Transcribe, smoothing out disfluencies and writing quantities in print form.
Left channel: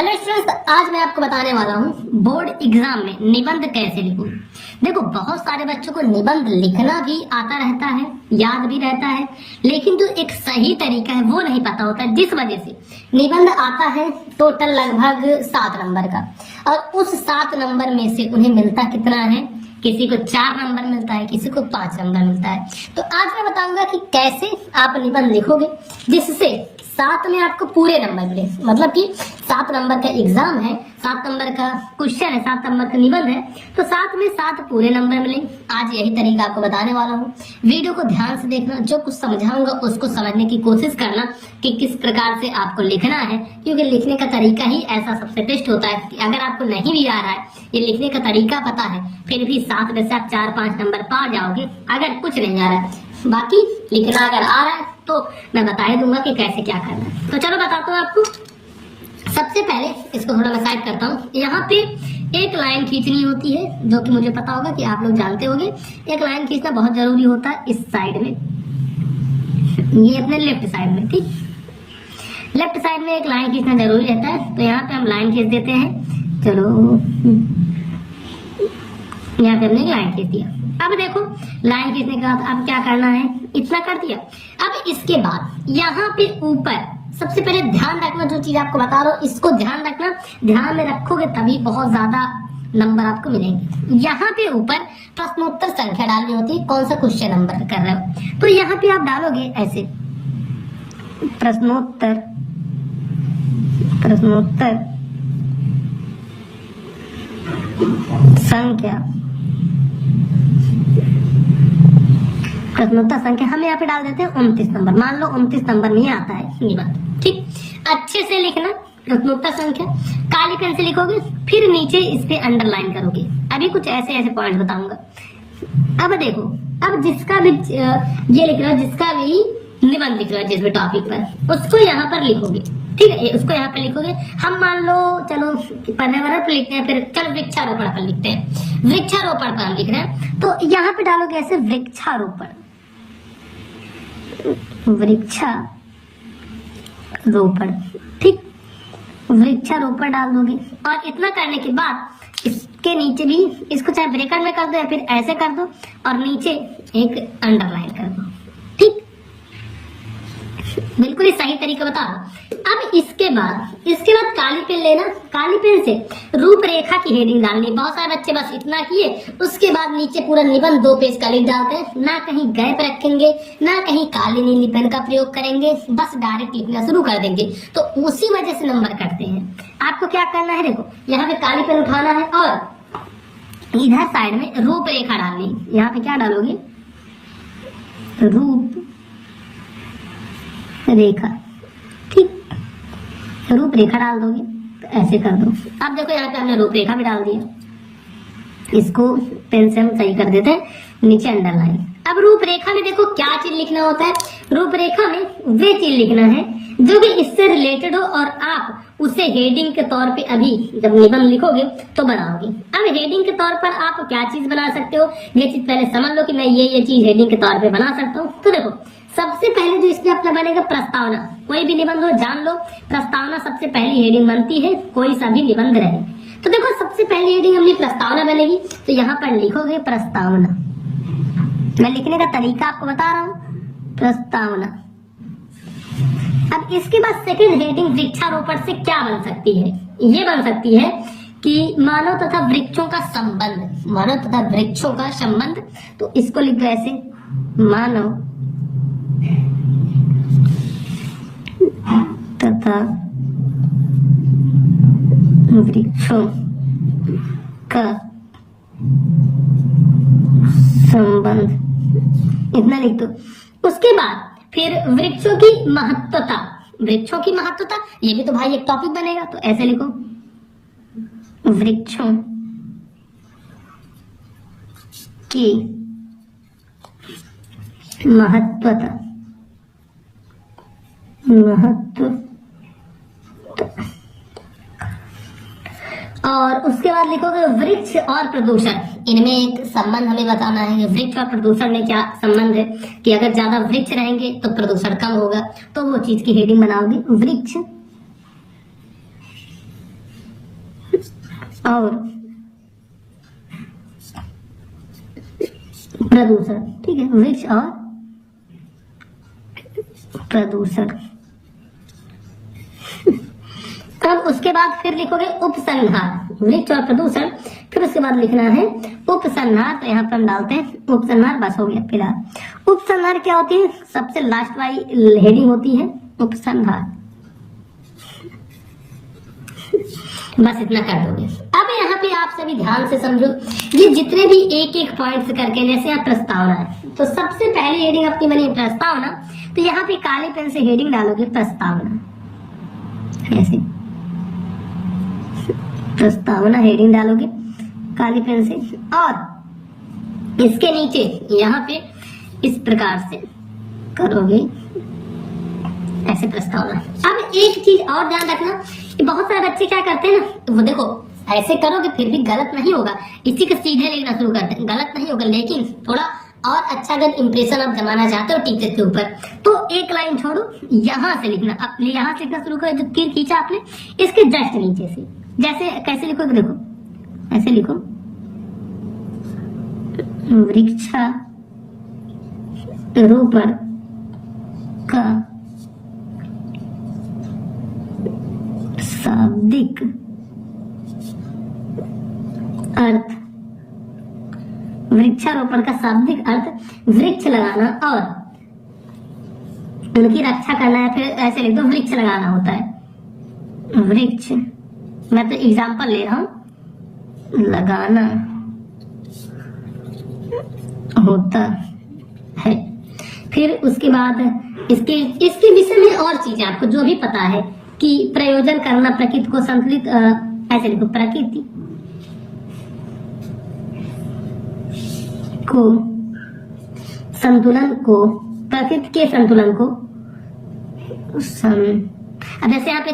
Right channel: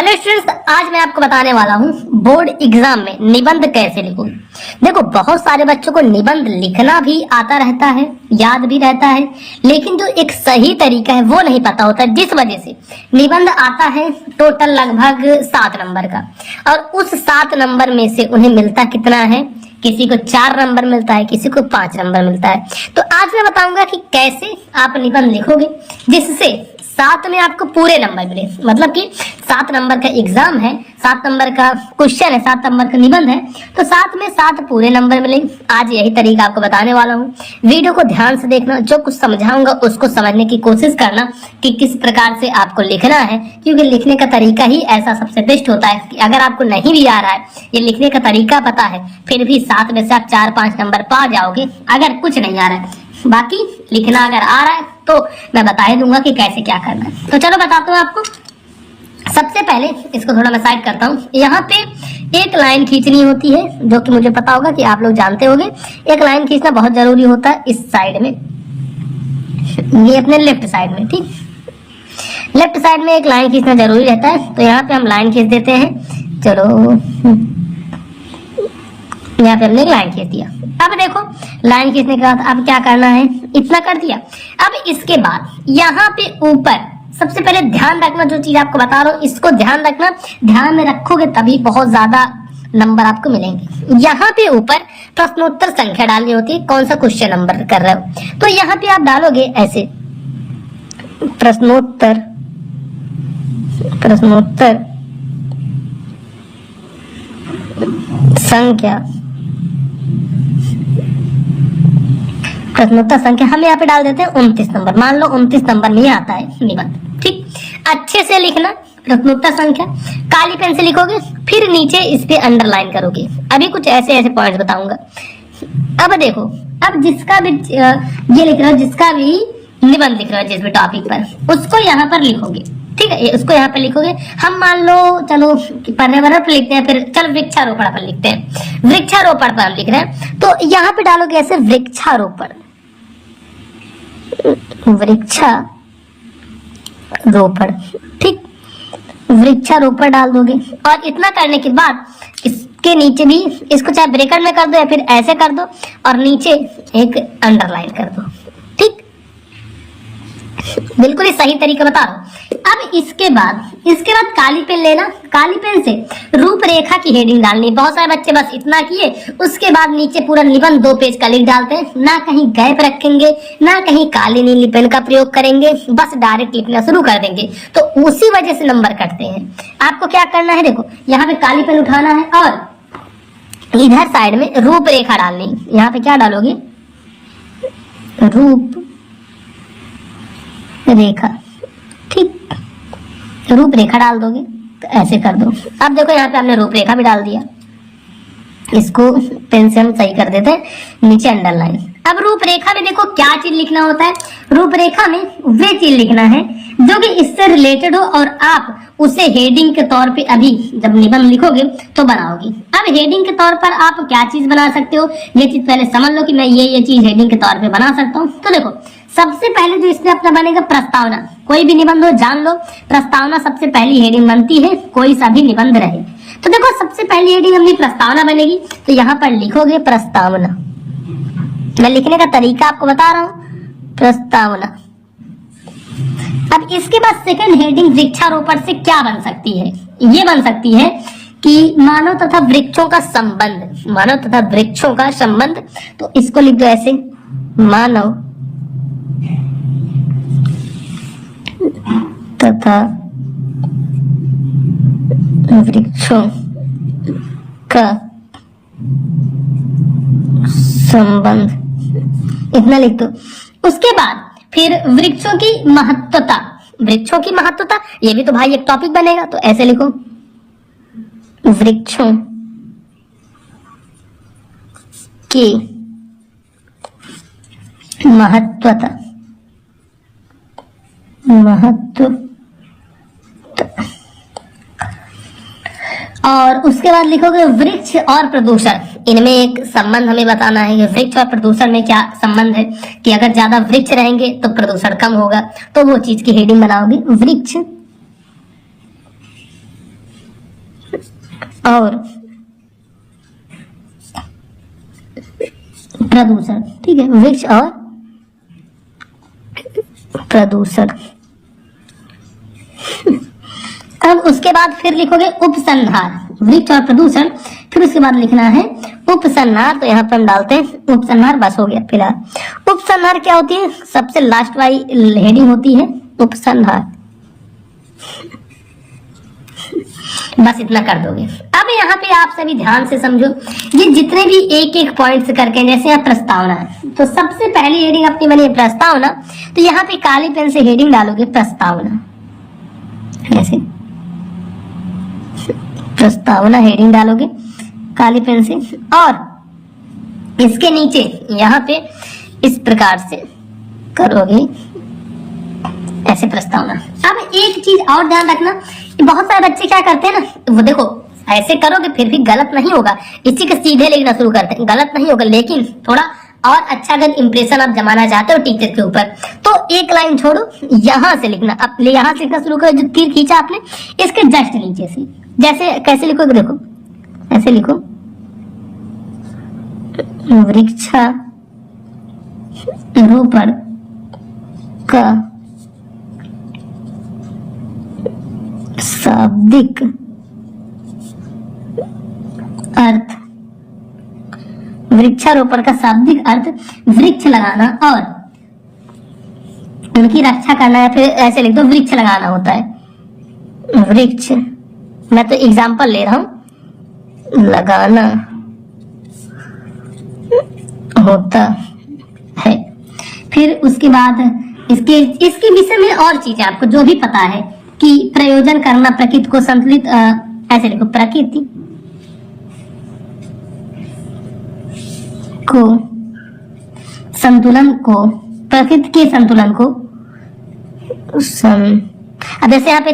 Hello students, आज मैं आपको बताने वाला हूँ बोर्ड एग्जाम में निबंध कैसे लिखूं। देखो, बहुत सारे बच्चों को निबंध लिखना भी आता रहता है, याद भी रहता है, लेकिन जो एक सही तरीका है वो नहीं पता होता, जिस वजह से निबंध आता है टोटल लगभग 7 नंबर का, और उस 7 नंबर में से उन्हें मिलता कितना है? किसी को 4 नंबर मिलता है, किसी को 5 नंबर मिलता है। तो आज मैं बताऊंगा कि कैसे आप निबंध लिखोगे जिससे 7 में आपको पूरे नंबर मिले। मतलब कि 7 नंबर का एग्जाम है, 7 नंबर का क्वेश्चन है, 7 नंबर का निबंध है, तो 7 में 7 पूरे नंबर मिले। आज यही तरीका आपको बताने वाला हूँ। वीडियो को ध्यान से देखना, जो कुछ समझाऊंगा उसको समझने की कोशिश करना कि किस प्रकार से आपको लिखना है, क्योंकि लिखने का तरीका ही ऐसा सबसे बेस्ट होता है कि अगर आपको नहीं भी आ रहा है, ये लिखने का तरीका पता है, फिर भी 7 में से आप 4-5 नंबर पा जाओगे अगर कुछ नहीं आ रहा है। बाकी लिखना अगर आ रहा है तो मैं बता ही दूंगा कि कैसे क्या करना है। तो चलो बताता हूँ आपको। सबसे पहले इसको थोड़ा मैं साइड करता हूँ। यहाँ पे एक लाइन खींचनी होती है, जो कि मुझे पता होगा कि आप लोग जानते होंगे। एक लाइन खींचना बहुत जरूरी होता है इस साइड में, ये अपने लेफ्ट साइड में, ठीक। लेफ्ट साइड में एक लाइन खींचना जरूरी रहता है, तो यहाँ पे हम लाइन खींच देते हैं। चलो, यहाँ पे हमने लाइन खींच दिया। अब देखो, लाइन खींचने के बाद अब क्या करना है, इतना कर दिया। अब इसके बाद यहाँ पे ऊपर सबसे पहले ध्यान रखना, जो चीज आपको बता रहा हूँ इसको ध्यान रखना, ध्यान में रखोगे तभी बहुत ज्यादा नंबर आपको मिलेंगे। यहाँ पे ऊपर प्रश्नोत्तर संख्या डालनी होती है, कौन सा क्वेश्चन नंबर कर रहे हो। तो यहाँ पे आप डालोगे ऐसे प्रश्नोत्तर संख्या, प्रश्नोत्तर संख्या हम यहाँ पे डाल देते हैं 29 नंबर। मान लो 29 नंबर में आता है निबंध, ठीक। अच्छे से लिखना प्रश्नोत्तर संख्या, काली पेन से लिखोगे, फिर नीचे इस पे अंडरलाइन करोगे। अभी कुछ ऐसे ऐसे पॉइंट बताऊंगा। अब देखो, अब जिसका भी ये लिख रहा हो, जिसका भी निबंध लिख रहा है जिस भी टॉपिक पर, उसको यहाँ पर लिखोगे, ठीक है। उसको यहाँ पे लिखोगे। हम मान लो चलो पर्यावरण पर लिखते हैं, फिर चल वृक्षारोपण पर लिखते हैं। वृक्षारोपण पर हम लिख रहे हैं, तो यहाँ पे डालोगे ऐसे वृक्षारोपण, ठीक। वृक्षारोपण डाल दोगे, और इतना करने के बाद इसके नीचे भी इसको चाहे ब्रैकेट में कर दो या फिर ऐसे कर दो, और नीचे एक अंडरलाइन कर दो, ठीक। बिल्कुल ही सही तरीका बता रहा हूं। अब इसके बाद काली पेन लेना, काली पेन से रूपरेखा की हेडिंग डालनी। बहुत सारे बच्चे बस इतना किए, उसके बाद नीचे पूरा निबंध 2 पेज का लिख डालते हैं, ना कहीं गैप रखेंगे, ना कहीं काली नीली पेन का प्रयोग करेंगे, बस डायरेक्ट लिखना शुरू कर देंगे, तो उसी वजह से नंबर कटते हैं। आपको क्या करना है, देखो यहाँ पे काली पेन उठाना है और इधर साइड में रूपरेखा डालनी। यहाँ पे क्या डालोगे, रूपरेखा, ठीक। रूपरेखा डाल दोगे तो ऐसे कर दो। अब देखो यहाँ पे हमने रूपरेखा भी डाल दिया, इसको पेन से हम सही कर देते हैं, नीचे अंडरलाइन। अब रूपरेखा में देखो क्या चीज लिखना होता है। रूपरेखा में वे चीज लिखना है जो कि इससे रिलेटेड हो, और आप उसे हेडिंग के तौर पे अभी जब निबंध लिखोगे तो बनाओगे। अब हेडिंग के तौर पर आप क्या चीज बना सकते हो, ये चीज पहले समझ लो कि मैं ये चीज हेडिंग के तौर पे बना सकता हूँ। तो देखो, सबसे पहले जो इसमें अपना बनेगा प्रस्तावना। कोई भी निबंध हो जान लो, प्रस्तावना सबसे पहली हेडिंग बनती है, कोई सा भी निबंध रहे। तो देखो, सबसे पहली हेडिंग अपनी प्रस्तावना बनेगी, तो यहाँ पर लिखोगे प्रस्तावना। मैं लिखने का तरीका आपको बता रहा हूँ, प्रस्तावना। अब इसके बाद सेकंड हेडिंग वृक्षारोपण से क्या बन सकती है, ये बन सकती है कि मानव तथा वृक्षों का संबंध, मानव तथा वृक्षों का संबंध। तो इसको लिख दो ऐसे, मानव तथा वृक्षों का संबंध, इतना लिख दो। उसके बाद फिर वृक्षों की महत्वता, वृक्षों की महत्वता, ये भी तो भाई एक टॉपिक बनेगा, तो ऐसे लिखो, वृक्षों की महत्वता, और उसके बाद लिखोगे वृक्ष और प्रदूषण। इनमें एक संबंध हमें बताना है, वृक्ष और प्रदूषण में क्या संबंध है, कि अगर ज्यादा वृक्ष रहेंगे तो प्रदूषण कम होगा, तो वो चीज की हेडिंग बनाओगे वृक्ष और प्रदूषण। ठीक है, वृक्ष और प्रदूषण। अब उसके बाद फिर लिखोगे उपसंहार, वृक्ष और प्रदूषण, फिर उसके बाद लिखना है उपसंहार। तो यहाँ पर हम डालते हैं उपसंहार, बस हो गया फिलहाल। उपसंहार क्या होती है? सबसे लास्ट वाली हेडिंग होती है उपसंहार। बस इतना कर दोगे। अब यहाँ पे आप सभी ध्यान से समझो, ये जितने भी एक एक पॉइंट्स करके, जैसे यहाँ प्रस्तावना, तो सबसे पहली हेडिंग अपनी बनी है प्रस्तावना, तो यहाँ पे काली पेन से हेडिंग डालोगे प्रस्तावना, ऐसे प्रस्तावना हेडिंग डालोगे काली पेन से, और इसके नीचे यहाँ पे इस प्रकार से करोगे ऐसे प्रस्तावना। अब एक चीज और ध्यान रखना, बहुत सारे बच्चे क्या करते हैं ना, वो देखो ऐसे करोगे फिर भी गलत नहीं होगा, इसी के सीधे लिखना शुरू करते हैं, गलत नहीं होगा, लेकिन थोड़ा और अच्छा अगर इंप्रेशन आप जमाना चाहते हो टीचर के ऊपर, तो एक लाइन छोड़ो, यहाँ से लिखना। अब यहाँ से लिखना शुरू करो, जो तीर खींचा आपने इसके जस्ट नीचे से, जैसे कैसे लिखोगे देखो, ऐसे लिखो, वृक्षारोपण का शाब्दिक अर्थ, वृक्षारोपण का शाब्दिक अर्थ वृक्ष लगाना और उनकी रक्षा करना, या फिर ऐसे लिख दो वृक्ष लगाना होता है। वृक्ष, मैं तो एग्जांपल ले रहा हूं, लगाना होता है। फिर उसके बाद इसके विषय में और चीजें आपको जो भी पता है कि प्रयोजन करना, प्रकृति को संतुलित, ऐसे लिखो प्रकृति को संतुलन को, प्रकृति के संतुलन को अब जैसे यहाँ पे